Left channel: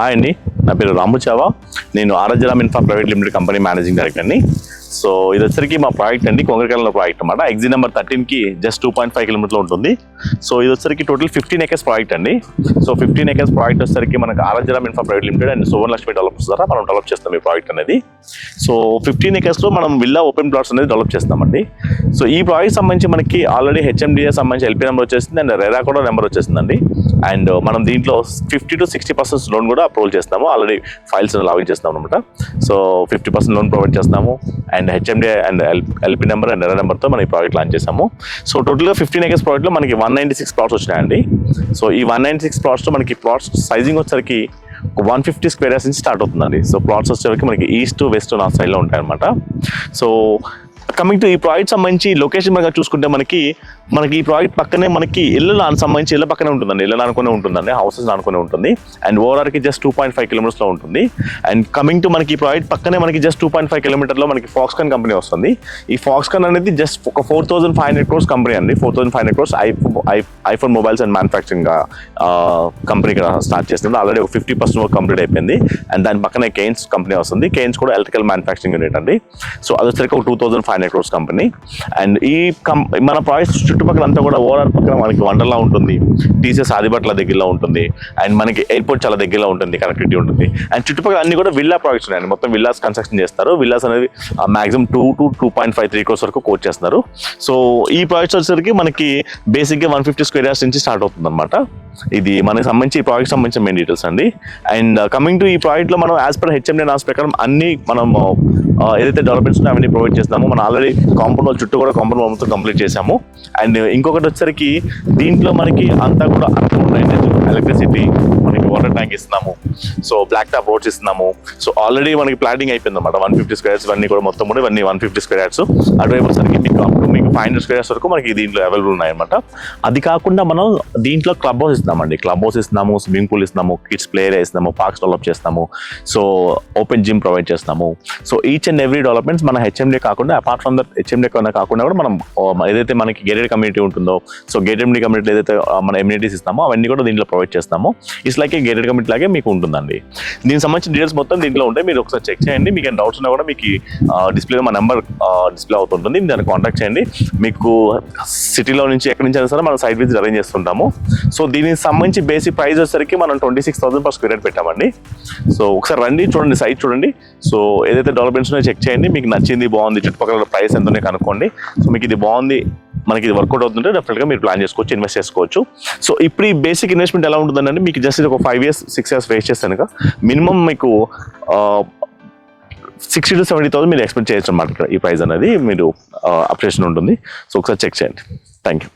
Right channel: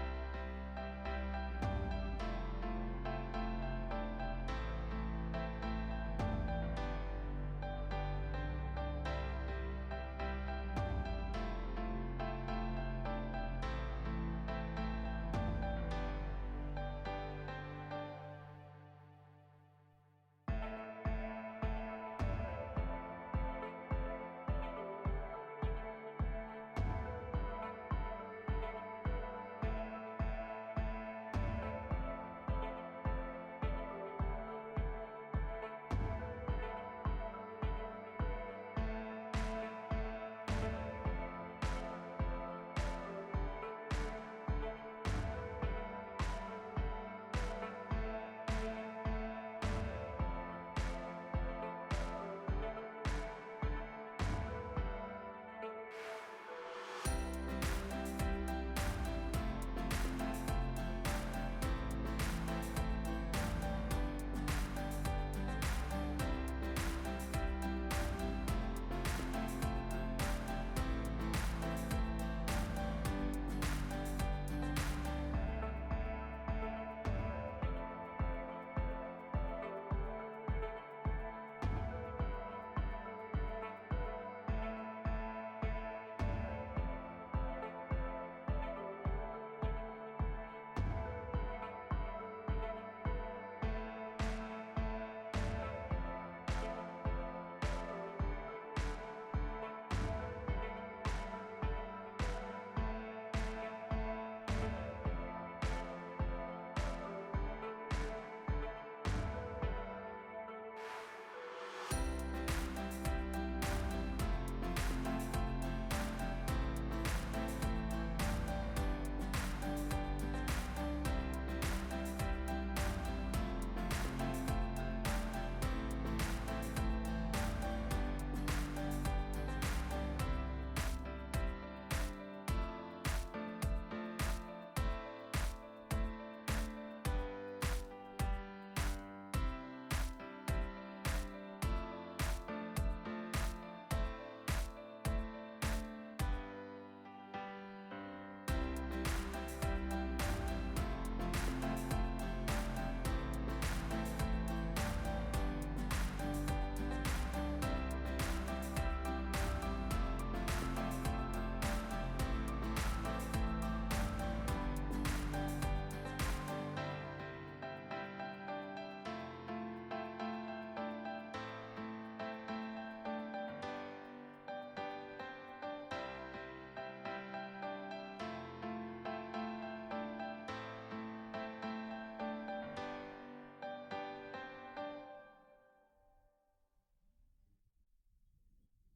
Hi అండి, నా పేరు రాము చావా. నేను Aradhyaram infra private limited company managing డైరెక్టర్ని. సో ఇది వచ్చరికి మా ప్రాజెక్ట్ అండి, కొంగరకాయల ప్రాజెక్ట్ అనమాట. ఎగ్జిట్ నెంబర్ 13కి జస్ట్ 2.5 కిలోమీటర్లో ఉంటుంది. సో ఇది వచ్చరికి టోటల్ 15 acres ప్రాజెక్ట్ అండి. సో 15 acres ప్రాజెక్ట్ వచ్చరికి మనకు Aradhyaram infra private limited and Suvarnalakshmi developers ద్వారా మనం డెవలప్ చేస్తాం ఈ ప్రాజెక్ట్ అనేది. సో 15 acresలో మనం విల్లా ఓపెన్ ప్లాట్స్ అనేది డెవలప్ చేస్తామండి. సో ఈ ప్రాజెక్ట్ సంబంధించి మనకి ఆల్రెడీ హెచ్ఎండిఏ సంబంధించి ఎల్పీ నెంబర్ వచ్చేసింది అండ్ రెరా కూడా నెంబర్ వచ్చేసిందండి. అండ్ మనం దీంట్లో 50 to 60% లోన్ కూడా అప్రూవల్ చేస్తాము. ఆల్రెడీ ఫైల్స్ లాగిన్ చేస్తాం అనమాట. సో 50% లోన్ ప్రొవైడ్ చేస్తాము and HMDA and LP number and ఎర్ర నెంబర్తో మనం ఈ ప్రాజెక్ట్ లాంచ్ చేసాము. సో టోటల్గా 15 acres ప్రాజెక్ట్లో మనకి 196 ప్లాట్స్ వచ్చినాయండి. సో ఈ 196 ప్లాట్స్లో మనకి ప్లాట్స్ సైజింగ్ వచ్చేసరికి 150 square yards నుంచి స్టార్ట్ అవుతుందండి. సో ప్లాట్స్ వచ్చేసరికి మనకి ఈస్ట్ వెస్ట్ నార్త్ సైడ్లో ఉంటాయి అనమాట. సో కమింగ్ టు ఈ ప్రాజెక్ట్ సంబంధించి లొకేషన్ పరంగా చూసుకుంటే మనకి ఈ ప్రాజెక్ట్ పక్కనే మనకి ఇళ్ళ సంబంధించి ఇళ్ళ పక్కనే ఉంటుందండి. ఇళ్ళ అనుకునే ఉంటుందండి, హౌసెస్ అనుకునే ఉంటుంది. అండ్ ఓవరాల్కి జస్ట్ 2.5 kilometers ఉంటుంది. అండ్ కమింగ్ టు మనకి ఈ ప్రాజెక్ట్ పక్కనే మనకి జస్ట్ 2.5 kilometers మనకి ఫాక్స్కాన్ కంపెనీ వస్తుంది. ఈ ఫాక్స్కాన్ అనేది జస్ట్ ఒక 4,500 crores కంపెనీ అండి. 4,500 crores iPhone mobiles and manufacturing company start చేస్తుంది. ఆల్రెడీ ఒక 50% వర్క్ కంప్లీట్ అయిపోయింది. అండ్ దాని పక్కనే కేన్స్ కంపెనీ వస్తుంది. కేన్స్ కూడా ఎలక్ట్రికల్ మ్యానుఫ్యాక్చరింగ్ యూనిట్ అండి. సో అది వచ్చరికి ఒక 2,500 crores కంపెనీ. అండ్ ఈ మన ప్రాజెక్ట్ చుట్టుపక్కల అంతా కూడా ఓవరాల్ పక్కన మనకి వండర్లా ఉంటుంది, టీసీఎస్ ఆదిబట్ల దగ్గరలో ఉంటుంది, అండ్ మనకి ఎయిర్పోర్ట్ చాలా దగ్గరలో ఉంటుంది, కనెక్టివిటీ ఉంటుంది. అండ్ చుట్టుపక్కల అన్ని కూడా విల్లా ప్రాజెక్ట్స్ ఉన్నాయండి. మొత్తం విల్లాస్ కన్స్ట్రక్షన్ చేస్తారు. విల్లాస్ అనేది మాక్సిమం 2 to 2.53 crores వరకు కోట్ చేస్తున్నారు. సో ఈ ప్రాజెక్ట్స్ వచ్చేసరికి మనకి బేసిక్గా 150 square yards నుంచి స్టార్ట్ అవుతుంది అనమాట. ఇది మనకి సంబంధించి ఈ ప్రాజెక్ట్ సంబంధించిన మెయిన్ డీటెయిల్స్ అండి. అండ్ కమింగ్ టు ఈ ప్రాజెక్ట్లో మనం యాజ్ పర్ హెచ్ఎండి నామ్స్ ప్రకారం అన్ని మనం ఏదైతే డెవలప్మెంట్స్ ఉన్నాయో అవన్నీ ప్రొవైడ్ చేస్తాము. మనం ఆల్రెడీ కాంపౌండ్ వాల్ చుట్టూ కూడా కాంపౌండ్ వాల్ మొత్తం కంప్లీట్ చేసాము. అండ్ ఇంకొకటి వచ్చేసరికి దీంట్లో మనకి అంతా కూడా ఎలక్ట్రిసిటీ, మనకి వాటర్ ట్యాంక్ ఇస్తున్నాము. సో బ్లాక్ టాప్ రోడ్స్ ఇస్తున్నాము. సో ఆల్రెడీ మనకి ప్లానింగ్ అయిపోయింది అనమాట. 150 square yards ఇవన్నీ కూడా మొత్తం కూడా ఇవన్నీ 150 square yards. అటువైపు వచ్చేసరికి మీకు 500 square yards వరకు మనకి దీంట్లో అవైలబుల్ ఉన్నాయన్నమాట. అది కాకుండా మనం దీంట్లో క్లబ్ హౌస్ ఇస్తున్నామండి. క్లబ్ హౌస్ ఇస్తున్నాము, స్విమ్మింగ్ పూల్ ఇస్తున్నాము, కిడ్స్ ప్లే ఏరియా ఇస్తున్నాము, పార్క్స్ డెవలప్ చేస్తాము. సో ఓపెన్ జిమ్ ప్రొవైడ్ చేస్తాము. So each and every developments మన హెచ్ఎండి కాకుండా అపార్ట్ ఫ్రమ్ దట్ హెచ్ఎండి కాకుండా కూడా మనం ఏదైతే మనకి గేటెడ్ కమ్యూనిటీ ఉంటుందో, సో గేటెడ్ కమ్యూనిటీ ఏదైతే మన ఎమ్యూనిటీస్ ఇస్తామో అవన్నీ కూడా దీంట్లో ప్రొవైడ్ చేస్తాము. It's like A gated community లాగే మీకు ఉంటుందండి. దీనికి సంబంధించిన డీటెయిల్స్ మొత్తం దీంట్లో ఉంటాయి. మీరు ఒకసారి చెక్ చేయండి. మీకు డౌట్స్ ఉన్నా కూడా మీకు డిస్ప్లేలో మా నెంబర్ డిస్ప్లే అవుతుంటుంది. దాన్ని కాంటాక్ట్ చేయండి. మీకు సిటీలో నుంచి ఎక్కడి నుంచి అయినా సరే మనం సైట్ విజిట్ అరేంజ్ చేస్తుంటాము. సో దీనికి సంబంధించి బేసిక్ ప్రైస్ వచ్చేసరికి మనం 26,000 per square yard పెట్టామండి. సో ఒకసారి రండి, చూడండి, సైట్ చూడండి. సో ఏదైతే డెవలప్మెంట్స్ ఉన్నాయో చెక్ చేయండి. మీకు నచ్చింది, బాగుంది, చుట్టుపక్కల ప్రైస్ ఎంత ఉన్నాయి కనుక్కోండి. సో మీకు ఇది బాగుంది, మనకి ఇది వర్కౌట్ అవుతుంటే డెఫినెట్గా మీరు ప్లాన్ చేసుకోవచ్చు, ఇన్వెస్ట్ చేసుకోవచ్చు. సో ఇప్పుడు ఈ బేసిక్ ఇన్వెస్ట్మెంట్ ఎలా ఉంటుందంటే మీకు జస్ట్ ఒక 5 years 6 years వేస్ట్ చేస్తే కనుక మినిమం మీకు 60,000 to 70,000 మీరు ఎక్స్పెక్ట్ చేయొచ్చు అన్నమాట. ఈ ప్రైస్ అనేది మీరు అప్డేషన్ ఉంటుంది. సో ఒకసారి చెక్ చేయండి. Thank you.